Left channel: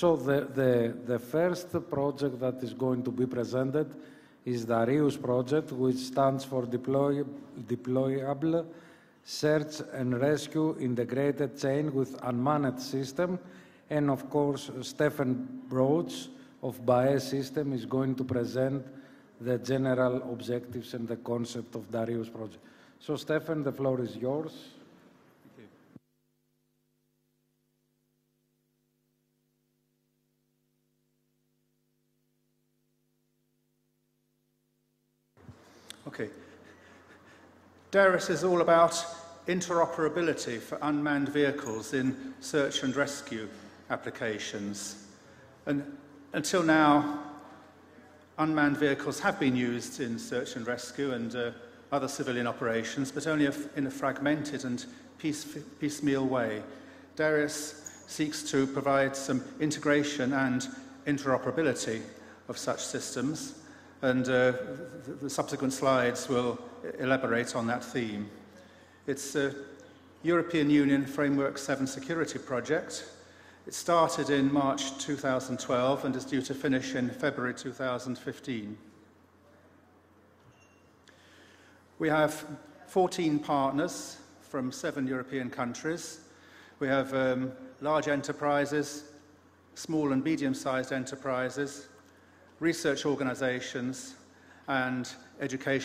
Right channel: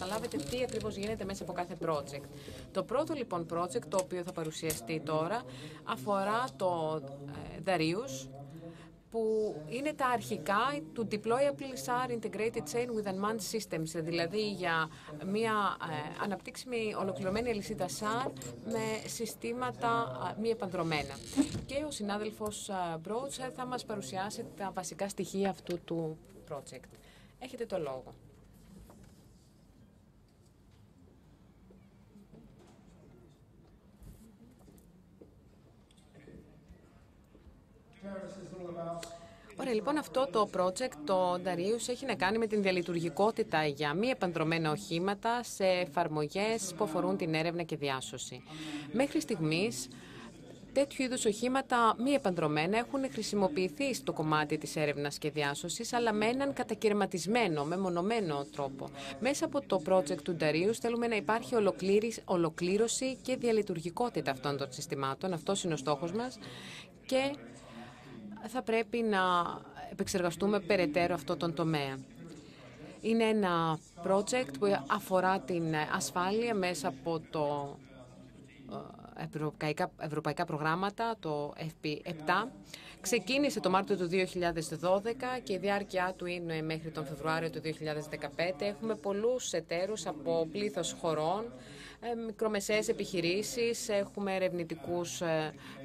καταλάβετε τι ακριβώς γίνεται μέσα από κάθε project. Το πρώτο λοιπόν project το οποίο θα παρουσιαστεί τώρα αφορά το Darius, που είναι τα αρχικά του Deploy SAR Integrated Chain with Unmanned Systems, δηλαδή για μια αναπτύξιμη ολοκληρωμένη αλυσίδα SAR με συστήματα μη επανδρομένα. Και ο συνάδελφος Μπρότς θα μας παρουσιάσει τα βασικά στοιχεία αυτού του project. Έχετε το λόγο. Okay. Darius is all about interoperability for unmanned vehicles in έχει να κάνει με την διαλειτουργικότητα για μη επανδρομένα οχήματα σε εφαρμογές που αφορούν την έρευνα και διάσωση. Μέχρι στιγμής, τέτοιου είδους οχήματα μη επανδρομένα έχουν χρησιμοποιηθεί στο κομμάτι της έρευνας και διάσωσης, αλλά με έναν κατακαιρματισμένο, μεμονωμένο τρόπο. Μέσα από το project του Darius θέλουμε να υπάρχει ολοκλήρωση και διαλειτουργικότητα αυτών των συστημάτων. Αυτός είναι ο στόχος μας. Και θα πρέπει να επεξεργαστούμε περαιτέρω αυτό το τομέα. Είναι ένα project που αφορά την ασφάλεια μέσα από το ευρωπαϊκά προγράμματα, το FP7. Ξεκίνησε το Μάρτιο του 2012 και η διάρκεια του είναι μέχρι το Φεβρουάριο του 2015. Έχουμε πολλούς εταίρους από πλήθος χωρών, μικρομεσαίες επιχειρήσεις, έχουμε ερευνητικούς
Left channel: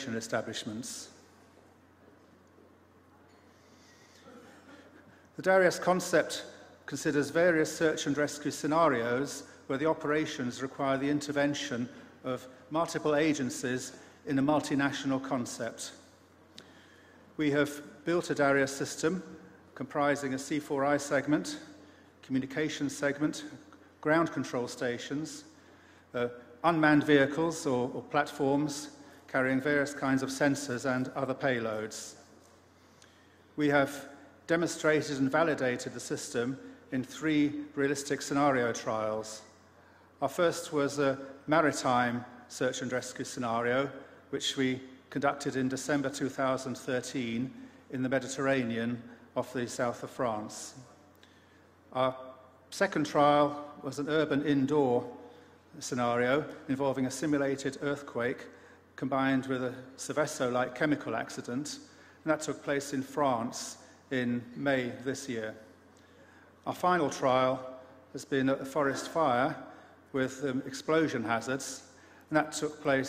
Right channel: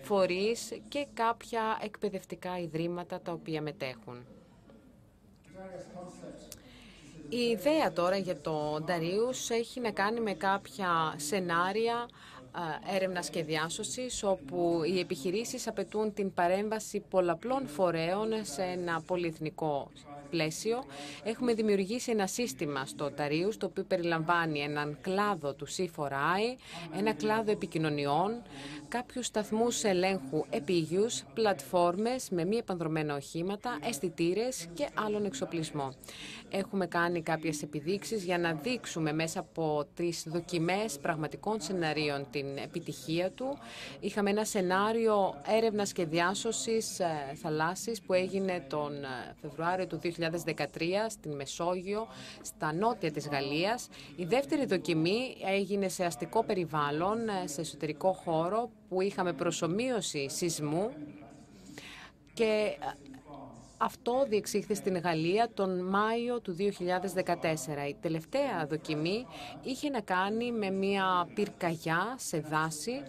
φορείς και κάποια εκπαιδευτικά ιδρύματα τα οποία μετέχουν. The Darius concept considers various search and rescue scenarios where the operations require the intervention of multiple agencies in a multinational concept. Απαιτούν την παρέμβαση πολλαπλών φορέων σε ένα πολυεθνικό πλαίσιο. Έχουμε δημιουργήσει ένα σύστημα στο Darius, το οποίο περιλαμβάνει έναν κλάδο του C4I, ένα κλάδο επικοινωνιών, κάποιους σταθμούς ελέγχου επίγειους, πλατφόρμες με μη επανδρομένα οχήματα, αισθητήρες και άλλον εξοπλισμό. Έχουμε κάνει κάποιες επιδείξεις για να δείξουμε μέσα από 3 δοκιμές πραγματικών σενάριων την επιτυχία του. Είχαμε ένα σενάριο έρευνας και διάσωσης θαλάσσης που έγινε τον Φεβρουάριο του 2013 στην Μεσόγειο, στα νότια της Γαλλίας. Η δεύτερη δοκιμή έγινε σε αστικό περιβάλλον, σε εσωτερικό χώρο, που είχαμε προσομοίωση σεισμού. Και αυτό διεξήχθη στην Γαλλία τον Μάιο του 2014. Η τελευταία δοκιμή είχε να κάνει με μια πυρκαγιά σε δάση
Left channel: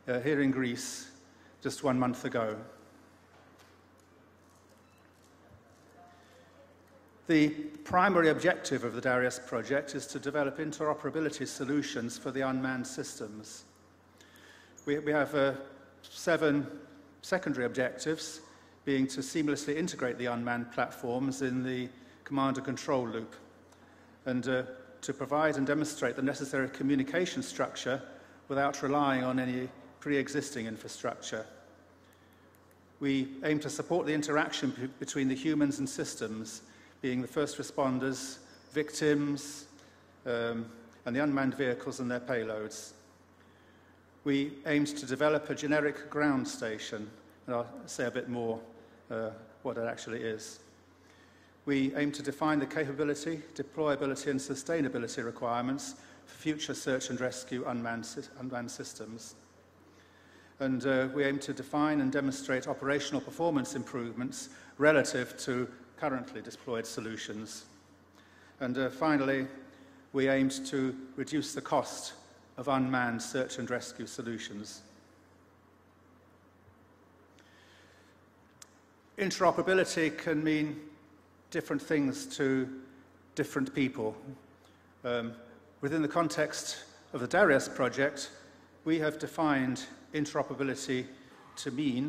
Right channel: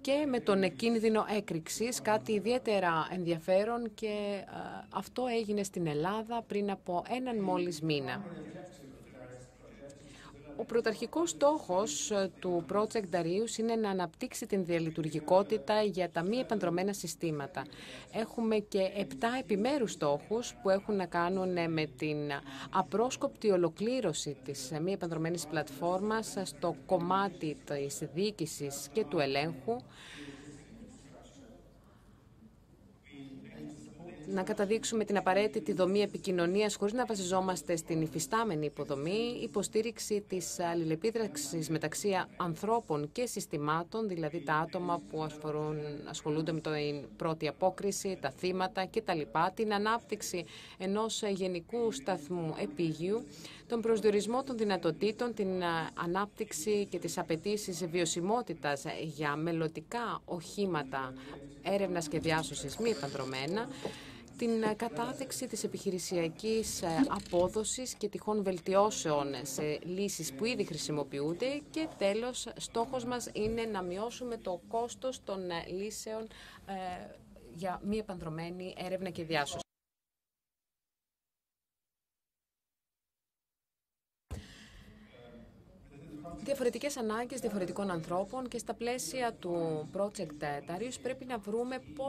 και με τον κίνδυνο έκρηξης, κάτι ιδιαίτερα ενδιαφέρον, και αυτό έγινε στην Ελλάδα πριν από έναν μόλις μήνα. Ο πρωταρχικός στόχος του project Darius είναι να αναπτύξει την διαλειτουργικότητα για τα μη επανδρομένα συστήματα. Έχουμε και 7 επιμέρους στόχους που έχουν να κάνουν με την απρόσκοπτη ολοκλήρωση της μη επανδρομένης πλατφόρμας στο κομμάτι της διοίκησης και του ελέγχου. Pre-existing infrastructure. Να καταδείξουμε την απαραίτητη δομή επικοινωνίας χωρίς να βασιζόμαστε στην υφιστάμενη υποδομή, υποστήριξη της αλληλεπίδρασης μεταξύ ανθρώπων και συστημάτων, δηλαδή τα άτομα που ασχολούνται με την πρώτη απόκριση, τα θύματα κτλ. Την ανάπτυξη ενός γενικού σταθμού επίγειου, τον προσδιορισμό των δυνατοτήτων, την ανάπτυξη και τις απαιτήσεις βιωσιμότητας για μελλοντικά οχήματα έρευνας και διάσωσης μη επανδρομένα, την κατάρτιση της επιχειρησιακής απόδοσης και τυχόν βελτιώσεων σε λύσεις που ήδη χρησιμοποιούνται, και τέλος, στόχος μας είναι να μειώσουμε το κόστος των λύσεων για μη επανδρομένη έρευνα και διάσωση. Interoperability can mean different things to different people. Within the context of the Darius project, we have defined interoperability to mean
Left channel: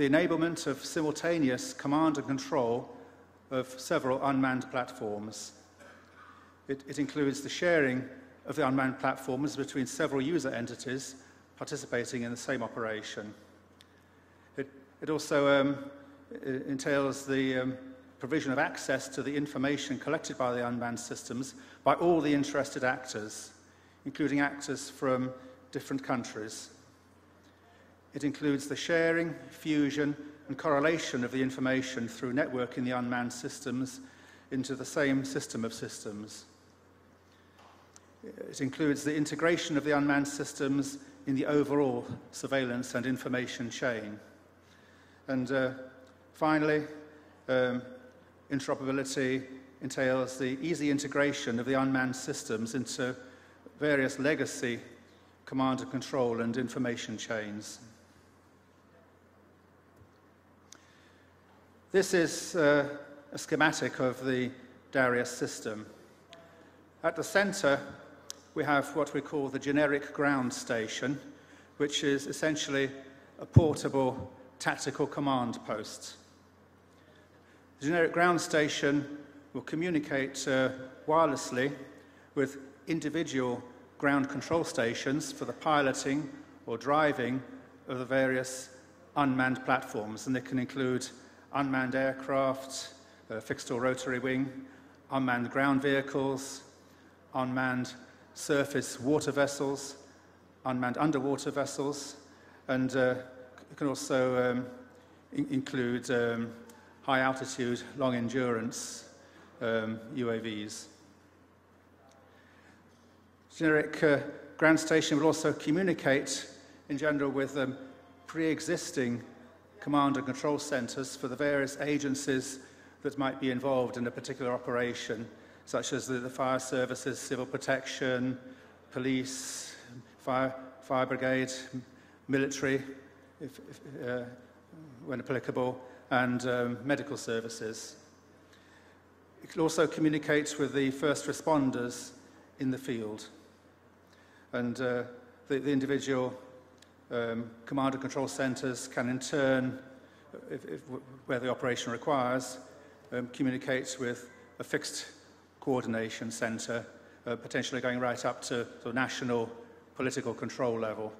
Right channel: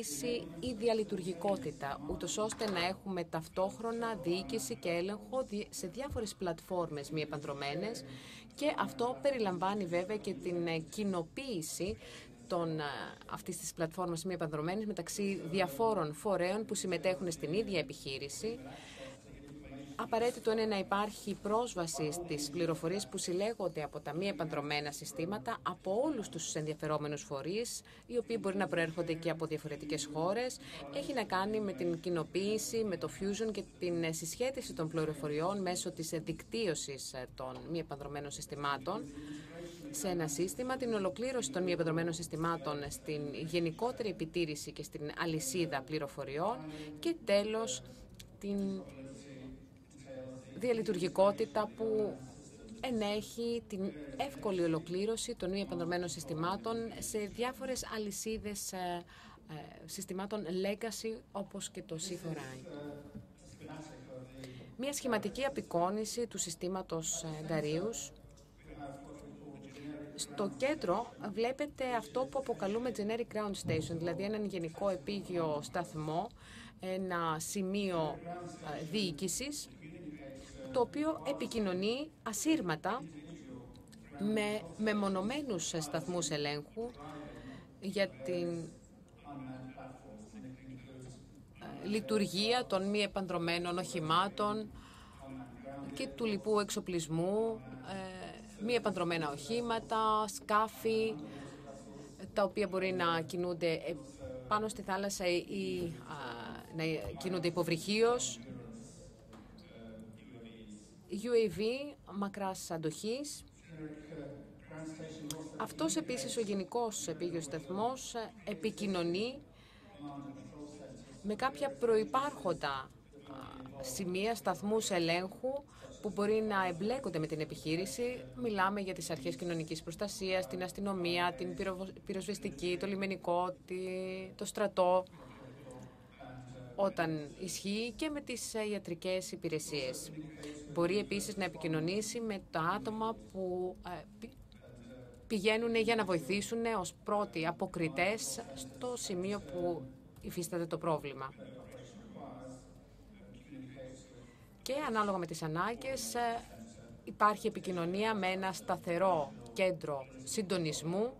the enablement of simultaneous command and control of several unmanned platforms. It includes the sharing of the unmanned platform is between several user entities participating in the same operation. It also entails the provision of access to the information collected by the unmanned systems by all the interested actors, including actors from different countries. It includes the sharing, fusion, and correlation of the information through networking the unmanned systems into the same system of systems. It includes the integration of the unmanned systems in the overall surveillance and information chain. And finally, interoperability entails the easy integration of the unmanned systems into various legacy command and control and information chains. This is a schematic of the Darius system. At the center, we have what we call the generic ground station, which is essentially a portable tactical command post. The generic ground station will communicate wirelessly with individual ground control stations for the piloting or driving of various unmanned platforms, and they can include unmanned aircraft, fixed or rotary wing, unmanned ground vehicles, unmanned surface water vessels, unmanned underwater vessels, and can also include high altitude, long endurance UAVs. Generic ground station will also communicate in general with pre-existing command and control centers for the various agencies that might be involved in a particular operation, such as the fire services, civil protection, police, fire brigade, military, when applicable, and medical services. It also communicates with the first responders in the field. And the individual command and control centers can in turn, where the operation requires, communicate with a fixed coordination center, potentially going right up to the national political control level.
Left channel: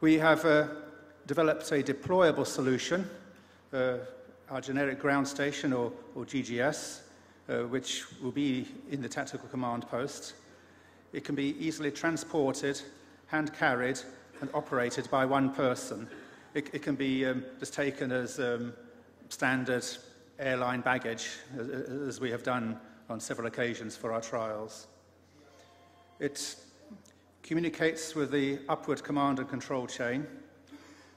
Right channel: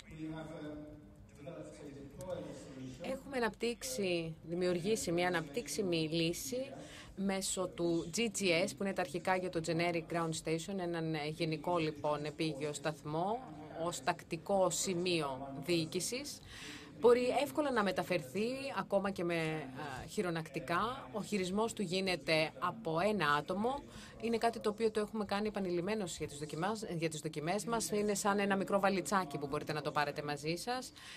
We have developed a deployable solution, our generic ground station or GGS, which will be in the tactical command post. It can be easily transported and carried and operated by one person. It can be just taken as standard airline baggage, as we have done on several occasions for our trials. It communicates with the upward command and control chain.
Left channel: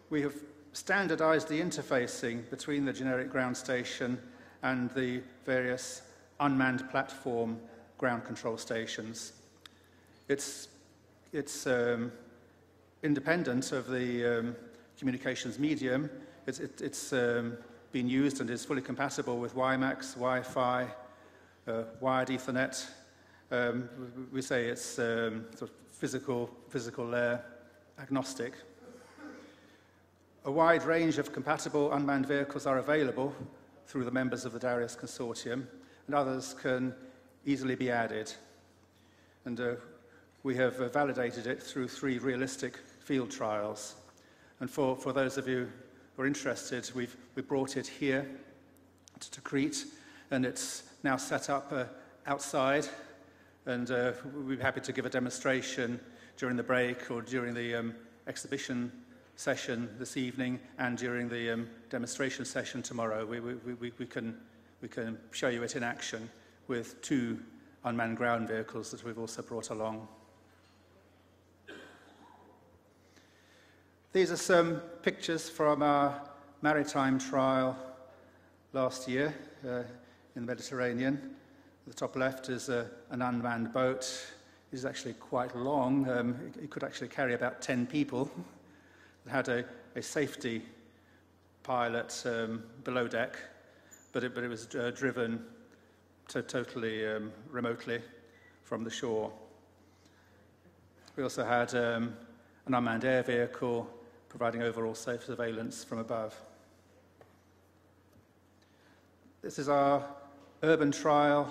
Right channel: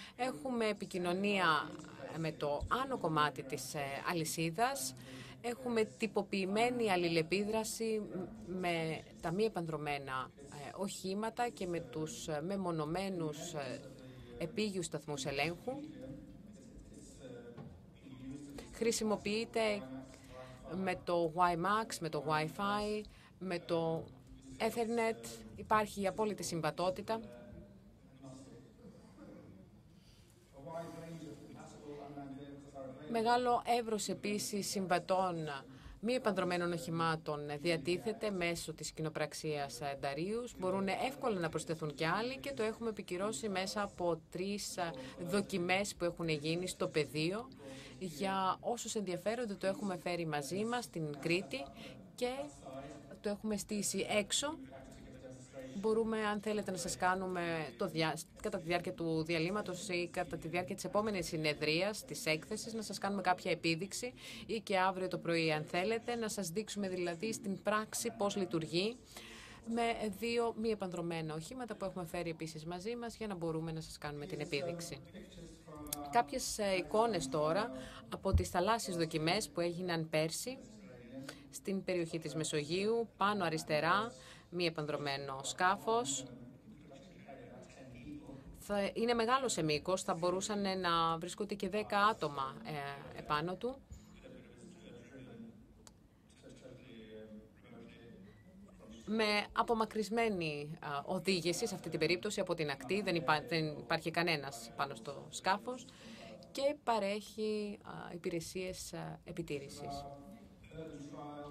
We have standardized the interfacing between the generic ground station and the various unmanned platform ground control stations. It's independent of the communications medium. It's been used and is fully compatible with WiMAX, Wi-Fi, wired Ethernet. We say it's physical layer agnostic. A wide range of compatible unmanned vehicles are available through the members of the Darius Consortium. Others can easily be added. And we have validated it through 3 realistic field trials. And for those of you who are interested, we brought it here to Crete, and it's now set up outside. And we'd be happy to give a demonstration during the break or during the exhibition session this evening and during the demonstration session tomorrow. We can show you it in action with 2 unmanned ground vehicles that we've also brought along. These are some pictures from our maritime trial last year in the Mediterranean. The top left is an unmanned boat. It's actually quite long. It could actually carry about 10 people. Had a safety pilot below deck, but it was driven totally remotely from the shore. Με απομακρυσμένη οδήγηση σε αυτή την περίπτωση από την ακτή, δεν υπάρχει κανένας σκάφος και παρέχει υπηρεσίες επιτήρησης. urban trial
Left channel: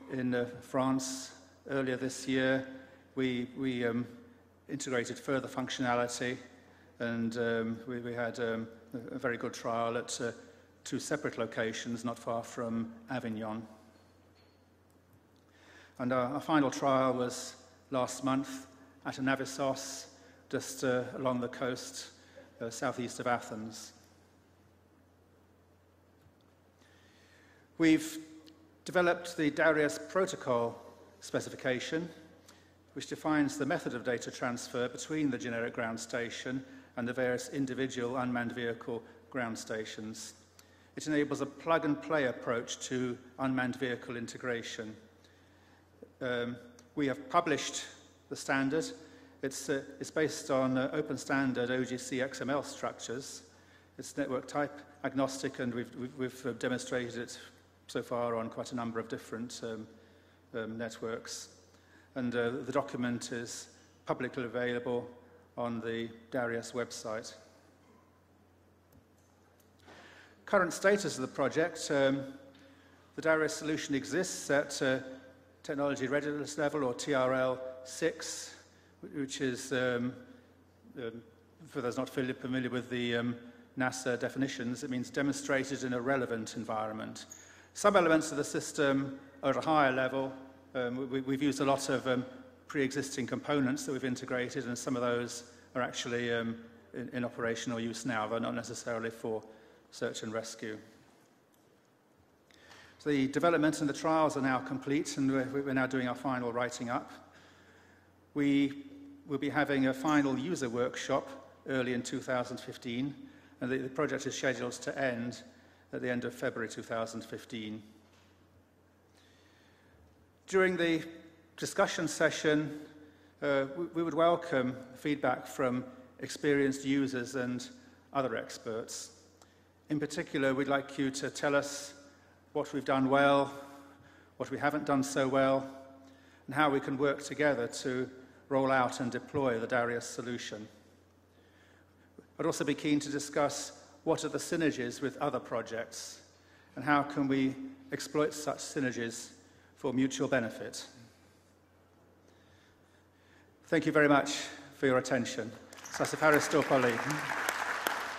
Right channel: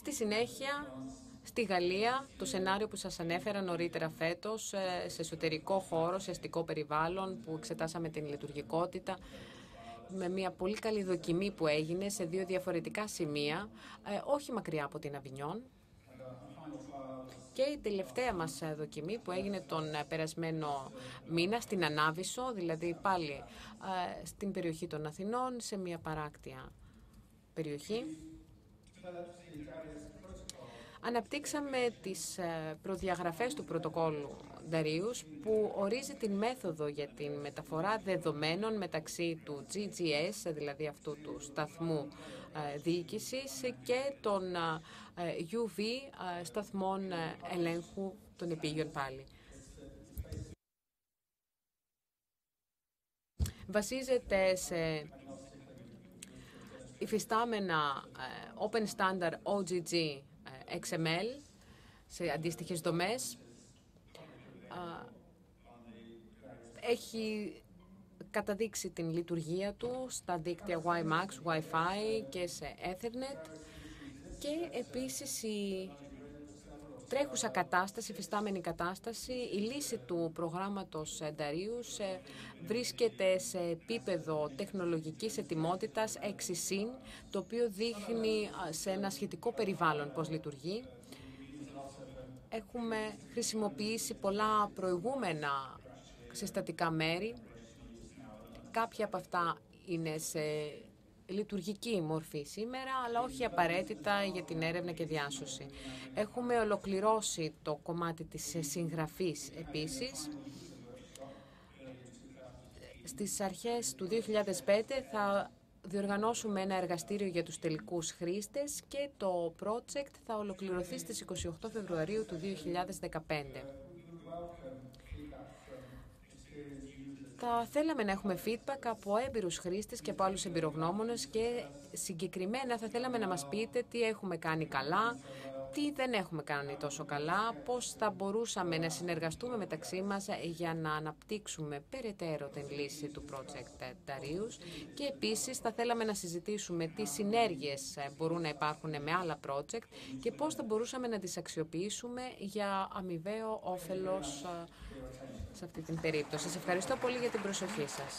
Στη συνέχεια, στη Γαλλία, το σενάριο που σας ανέφερα νωρίτερα φέτος, σε εσωτερικό χώρο, σε αστικό περιβάλλον, που εξετάσαμε την λειτουργικότητα, με μια πολύ καλή δοκιμή που έγινε σε 2 διαφορετικά σημεία, όχι μακριά από την Αβινιόν. Και η τελευταία μας δοκιμή που έγινε τον περασμένο μήνα στην Ανάβησο, δηλαδή πάλι στην περιοχή των Αθηνών, σε μια παράκτια περιοχή. Αναπτύξαμε τις προδιαγραφές του πρωτοκόλλου Δαρίους που ορίζει τη μέθοδο για τη μεταφορά δεδομένων μεταξύ του GGS, δηλαδή αυτού του σταθμού διοίκησης, και των UV σταθμών ελέγχου των επίγειων πάλι. It's based on open standard OGC XML structures. Βασίζεται σε υφιστάμενα open standard OGG XML σε αντίστοιχες δομές. Έχει καταδείξει την λειτουργία του στα δίκτυα WiMAX, Wi-Fi και σε Ethernet. Και επίσης η τρέχουσα κατάσταση, η υφιστάμενη κατάσταση, η λύση του προγράμματος Darius βρίσκεται σε επίπεδο τεχνολογικής ετοιμότητας εξισύν, το οποίο δείχνει σε ένα σχετικό περιβάλλον πώς λειτουργεί. Έχουμε χρησιμοποιήσει πολλά προηγούμενα συστατικά μέρη. Κάποια από αυτά είναι σε λειτουργική μορφή σήμερα, αλλά όχι απαραίτητα για την έρευνα και διάσωση. Έχουμε ολοκληρώσει το κομμάτι της συγγραφής στις αρχές του 2015 θα διοργανώσουμε ένα εργαστήριο για τους τελικούς χρήστες και το project θα ολοκληρωθεί στις 28 Φεβρουαρίου του 2015. Θα θέλαμε να έχουμε feedback από έμπειρους χρήστες και από άλλους εμπειρογνώμονες και συγκεκριμένα θα θέλαμε να μας πείτε τι έχουμε κάνει καλά, τι δεν έχουμε κάνει τόσο καλά, πώς θα μπορούσαμε να συνεργαστούμε μεταξύ μας για να αναπτύξουμε περαιτέρω τη λύση και επίσης θα θέλαμε να συζητήσουμε τι συνέργειες μπορούν να υπάρχουν με άλλα project και πώς θα μπορούσαμε να τις αξιοποιήσουμε για αμοιβαίο όφελος σε αυτή την περίπτωση. Ευχαριστώ πολύ για την προσοχή σας.